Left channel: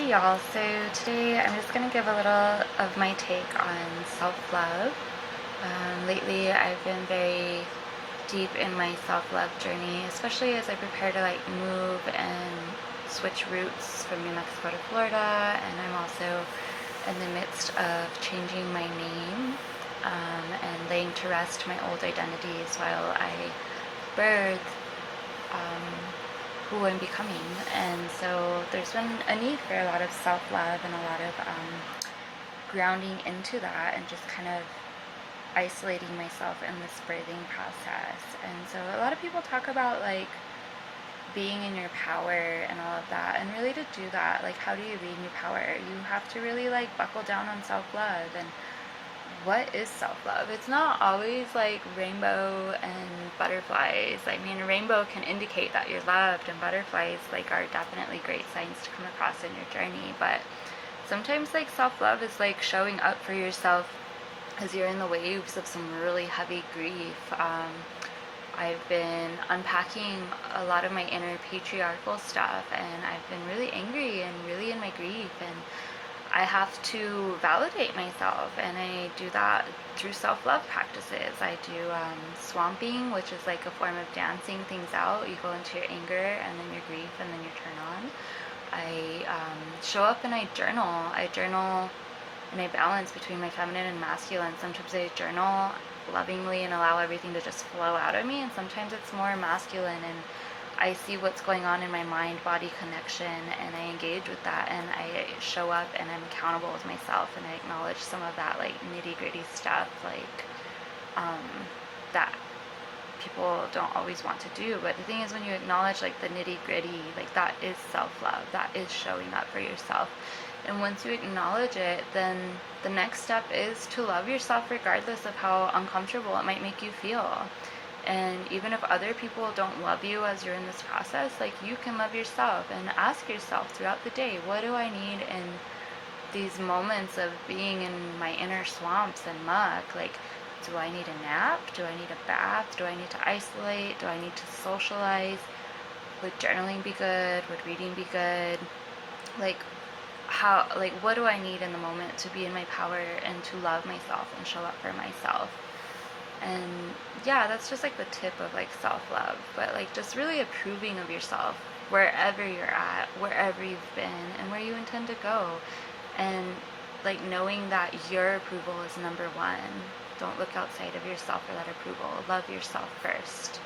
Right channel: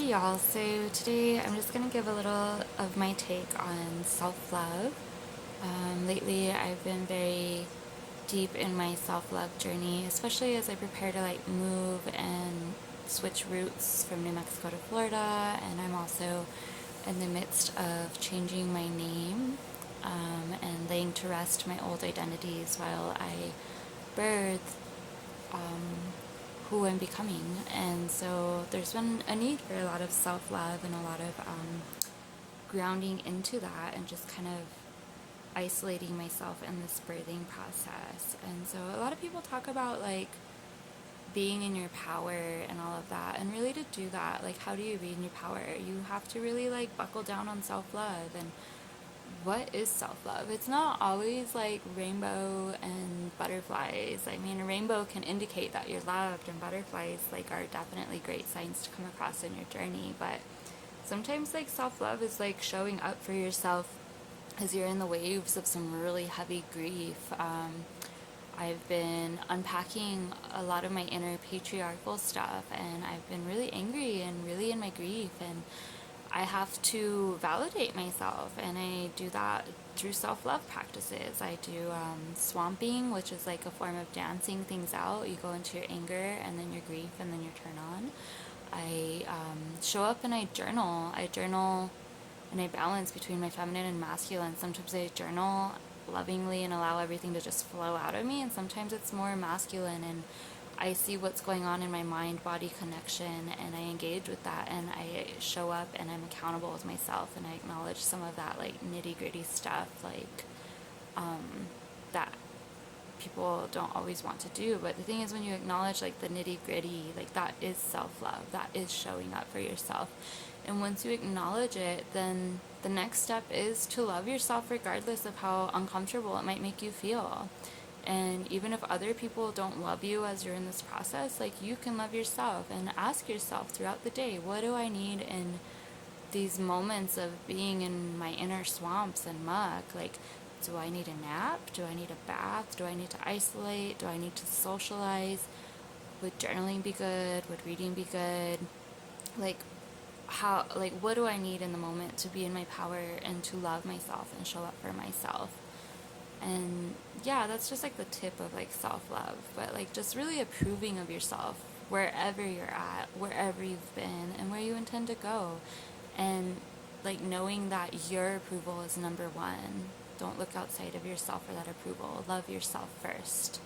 Hey y'all, so today I'm just going to give a little of my take on self-love. Lately I've been very deep in my self-love journey, especially as I prepare to move and switch routes from New Mexico to Florida, and I'm also in the midst of changing my name and laying to rest my old identities while I birth who I'm becoming. And so there's been a need for a lot of self-love and a lot of grounding into that and just kind of isolating myself in this birthing process. And so a lot of people talk about being in your power and all of that, and really to do that, how do you be in your power? You have to really buckle down on self-love. And what is self-love? It's not always rainbow and butterflies. I mean, a rainbow can indicate that you're loved, and butterflies are definitely great signs to come across in your journey. But sometimes self-love is showing up for yourself as you're in the waves of some really heavy grief. I've been unpacking a lot of my inner patriarchal stuff, and I've been really angry and really in my grief, and I have to validate myself, and I do that through self-love practices. I do swamping, which is a form of dancing things out. You go into your anger and then your grief and then your turn on. I show up and I journal. I journal and I balance between my feminine and masculine. Sometimes I journal lovingly and allow everything to just flow out of me, and sometimes it's more masculine, and I see what's going on in my mind-body connection, and I engage with that, and I show up, and I'm accountable with myself, and I acknowledge some of that nitty-gritty stuff that people don't always want to do. But the thing is, when you acknowledge the nitty-gritty, that is self-love. That is showing up for yourself. And once you acknowledge it, then the next step is to love yourself regardless of how uncomfortable it might make you feel. And even if other people don't love you as you're in this process, you can love yourself, and ask yourself throughout the day, what do I need in these moments of being in my inner swamps and muck? Do I need a nap? Do I need a bath? Do I need to isolate? Do I need to socialize? Would journaling be good? Would reading be good? What do I need in the moment to be in my power and to love myself and show up for myself? And yeah, that's just the tip of self-love, but just really approving of yourself wherever you're at, wherever you've been, and where you intend to go. And knowing that your approval is number one. Don't look outside of yourself for that approval. Love yourself first.